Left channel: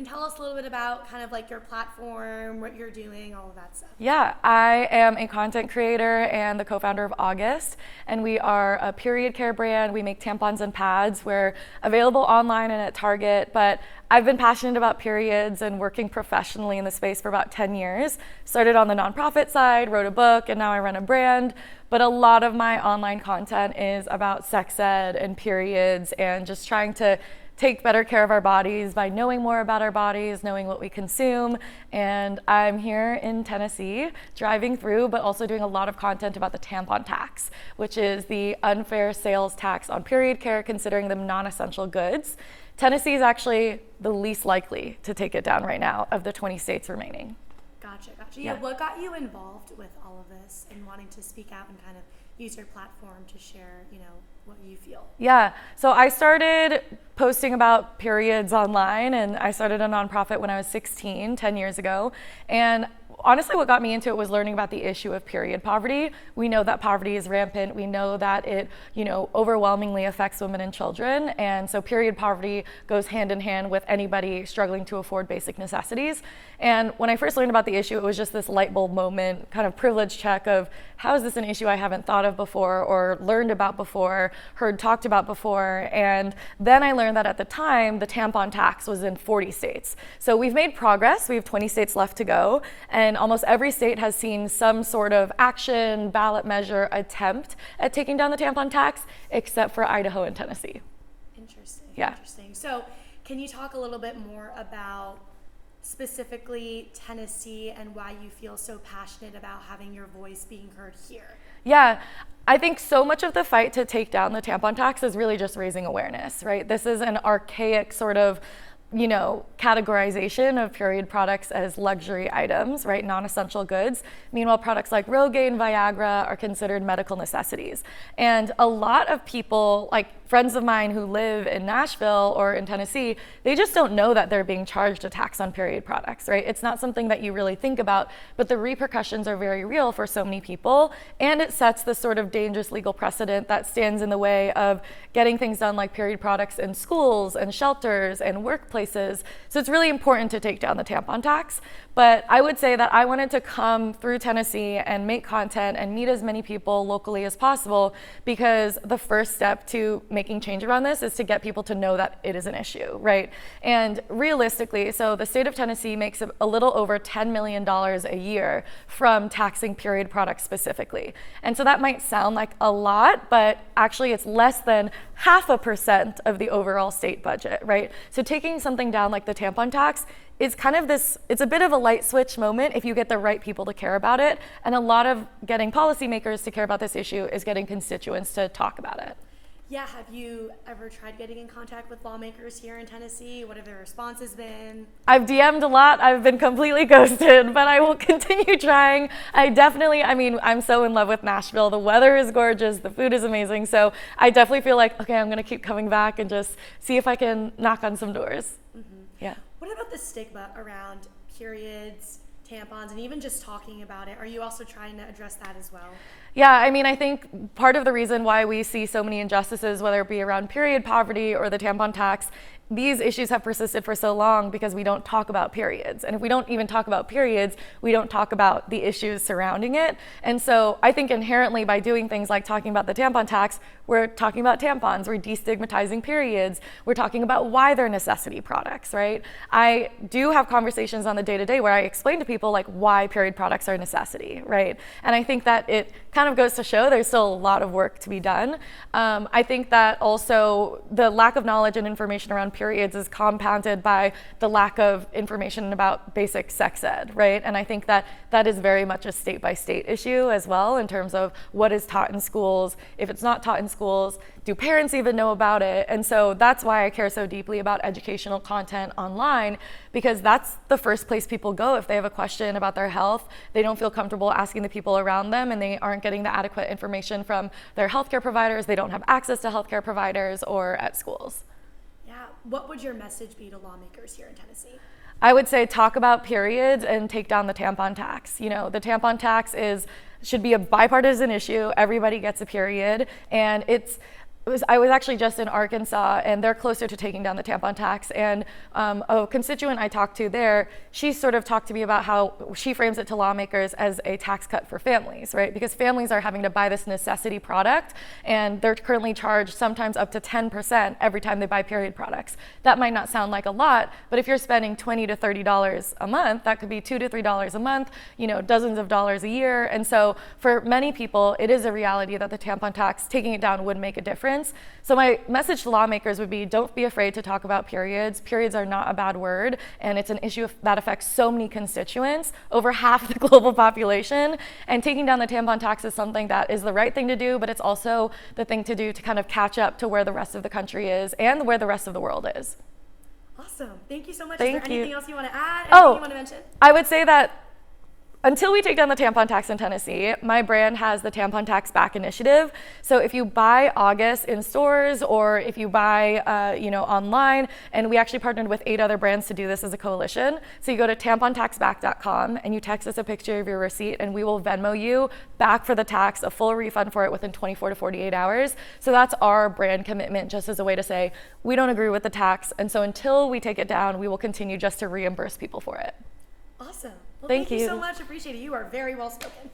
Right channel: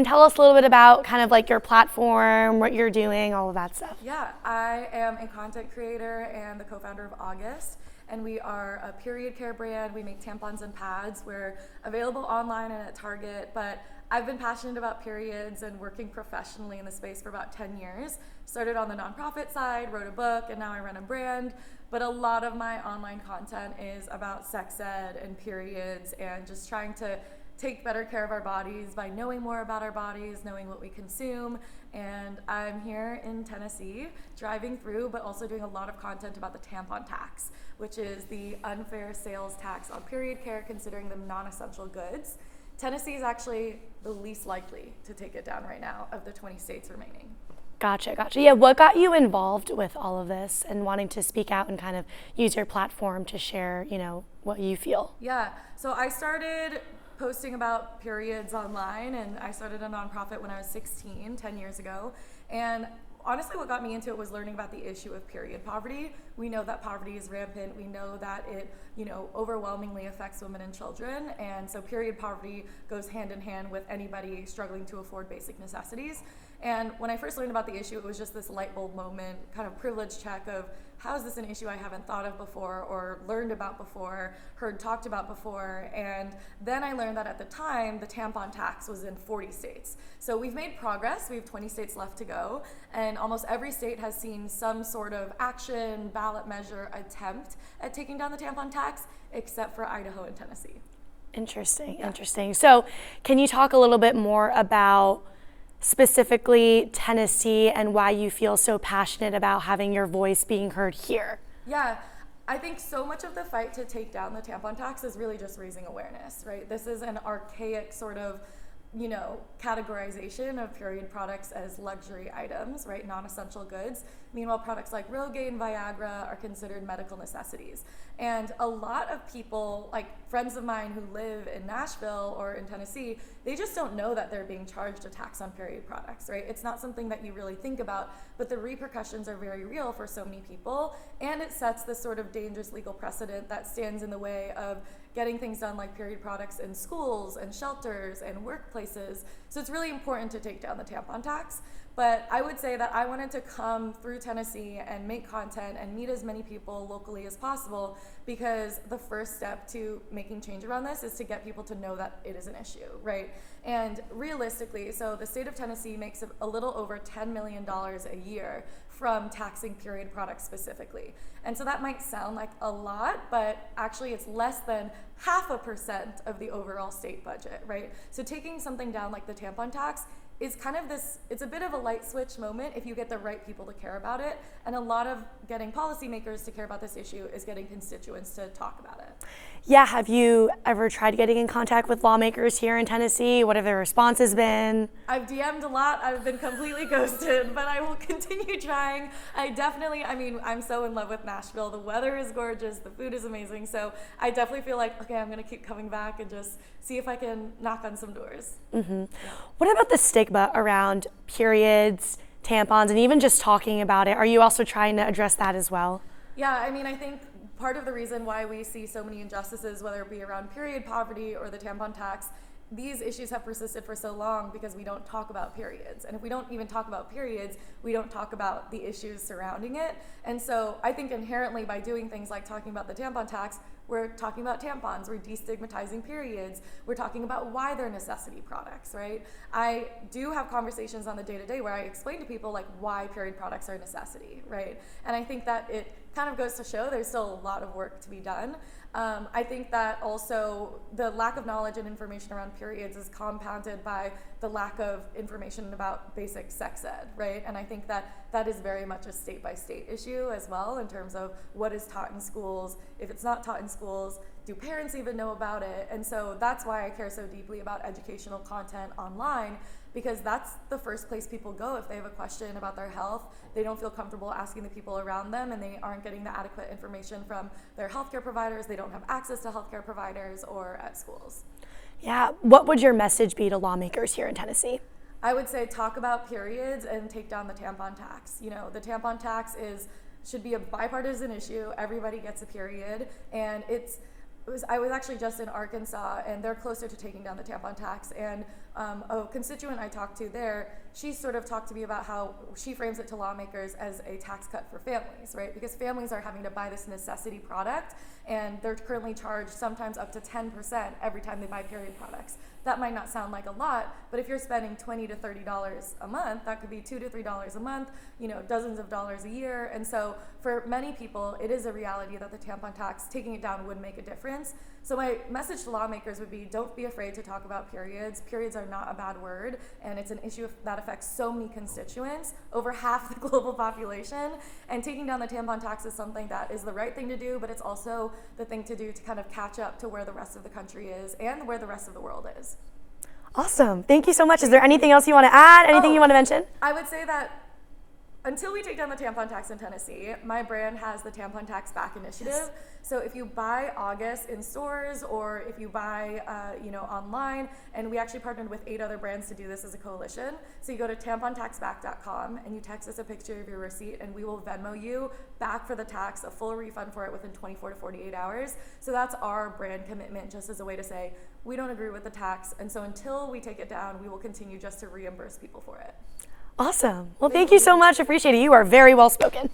And tell us a little bit about kind of like your platform, what you're doing, all of that stuff. Yeah, I am a content creator and the co-founder of August, and we are a period care brand. We make tampons and pads. We're available online and at Target, but I've been passionate about periods and working professionally in the space for about 10 years. Started on the nonprofit side, wrote a book, and now I run a brand. But a lot of my online content is about sex ed and periods and just trying to take better care of our bodies by knowing more about our bodies, knowing what we consume. And I'm here in Tennessee driving through, but also doing a lot of content about the tampon tax, which is the unfair sales tax on period care, considering them non-essential goods. Tennessee is actually the least likely to take it down right now of the 20 states remaining. Gotcha. Yeah, what got you involved with all of this and wanting to speak out and kind of use your platform to share, what you feel? Yeah, so I started posting about periods online, and I started a nonprofit when I was 16, 10 years ago. And honestly, what got me into it was learning about the issue of period poverty. We know that poverty is rampant. We know that it, overwhelmingly affects women and children. And so period poverty goes hand in hand with anybody struggling to afford basic necessities. And when I first learned about the issue, it was just this light bulb moment, kind of privilege check of how is this an issue I haven't thought of before or learned about before, heard talked about before. And then I learned that at the time, the tampon tax was in 40 states. So we've made progress. We have 20 states left to go. And almost every state has seen some sort of action, ballot measure attempt at taking down the tampon tax, except for Idaho and Tennessee. Interesting. Yeah. So can you talk a little bit more about specifically Tennessee and why you feel so passionate about having your voice being heard here? Yeah, I think so much of the fight to take down the tampon tax is really just raising awareness, right? This is an archaic sort of categorization of period products as luxury items, right? Non-essential goods. Meanwhile, products like Rogaine, Viagra are considered medical necessities. And a lot of people, like friends of mine who live in Nashville or in Tennessee, they just don't know that they're being charged a tax on period products, right? It's not something that you really think about, but the repercussions are very real for so many people. And it sets this sort of dangerous legal precedent that stands in the way of getting things done like period products in schools and shelters and workplaces. So it's really important to take down the tampon tax. But I would say that I wanted to come through Tennessee and make content and meet as many people locally as possible, because the first step to making change around this is to get people to know that it is an issue, right? And realistically, so the state of Tennessee makes a little over $10 million a year from taxing period products specifically. And so that might sound like a lot, but actually it's less than 0.5% of the overall state budget, right? So taking something down like the tampon tax is kind of it's a bit of a light switch moment if you get the right people to care about it. And a lot of getting policymakers to care about this issue is getting constituents to talk about it. Yeah, have you ever tried getting in contact with lawmakers here in Tennessee? What have their responses been? I've DM'd a lot. I've been completely ghosted, but I will continue trying. I'm so in love with Nashville. The weather is gorgeous. The food is amazing. So I definitely feel like, okay, I'm going to keep coming back and just see if I can knock on some doors. Mm-hmm. Yeah. What about the stigma around periods, tampons, and even just talking about it? Are you also trying to address that as well? Yeah, I think part of the reason why we see so many injustices, whether it be around period poverty or the tampon tax, these issues have persisted for so long because we don't talk about periods. And if we don't even talk about periods, we don't talk about the issues surrounding it. And so I think inherently by doing things like talking about the tampon tax, we're talking about tampons, we're destigmatizing periods, we're talking about why they're necessity products, right? I do have conversations on the day-to-day where I explain to people like why period products are a necessity, right? And I think that it kind of goes to show there's still a lot of work to be done. I think that also the lack of knowledge and information around periods is compounded by the lack of information about basic sex ed, right? And I think that that is very much a state-by-state issue as well in terms of what is taught in schools. If it's not taught in schools, do parents even know about it? And so that's why I care so deeply about educational content online, because that's the first place people go if they have a question about their health. They don't feel comfortable asking the people around them, and they aren't getting the adequate information from their healthcare providers. They don't have access to healthcare providers or at schools. Yeah, what would your message be to lawmakers here in Tennessee? I would say talk about periods and take down the tampon tax. The tampon tax should be a bipartisan issue. Everybody gets a period, and I was actually just in Arkansas, and they're closer to taking down the tampon tax. And a constituent I talked to there, she sort of talked to me about how she frames it to lawmakers as a tax cut for families, right? Because families are having to buy this necessity product, and they're currently charged sometimes up to 10% every time they buy period products. That might not sound like a lot, but if you're spending $20 to $30 a month, that could be $2 to $3 a month, dozens of dollars a year. And so for many people, it is a reality that the tampon tax, taking it down, would make a difference. So my message to lawmakers would be, don't be afraid to talk about periods. Periods are not a bad word, and it's an issue that affects so many constituents, over half the global population. And taking down the tampon tax is something that is the right thing to do, but it's also the thing to do to kind of catch up to where the rest of the country is and where the rest of the world is. Awesome. Thank you so much. Thank Is there you. anything else you want to add? Anything you want to mention? I would say that until we take down the tampon tax in Tennessee, my brand has the Tampon Tax Back Initiative. So if you buy August in stores, or if you buy online, and we actually partnered with 8 other brands to do this as a coalition. So you go to tampontaxback.com and you text us a picture of your receipt, and we will Venmo you back for the tax, a full refund for it within 24 to 48 hours. So that's our brand commitment, just as a way to say, we don't agree with the tax, and so until we take it down, we will continue just to reimburse people for it. Awesome. Well, thank you so much. Appreciate it. You are very well spoken.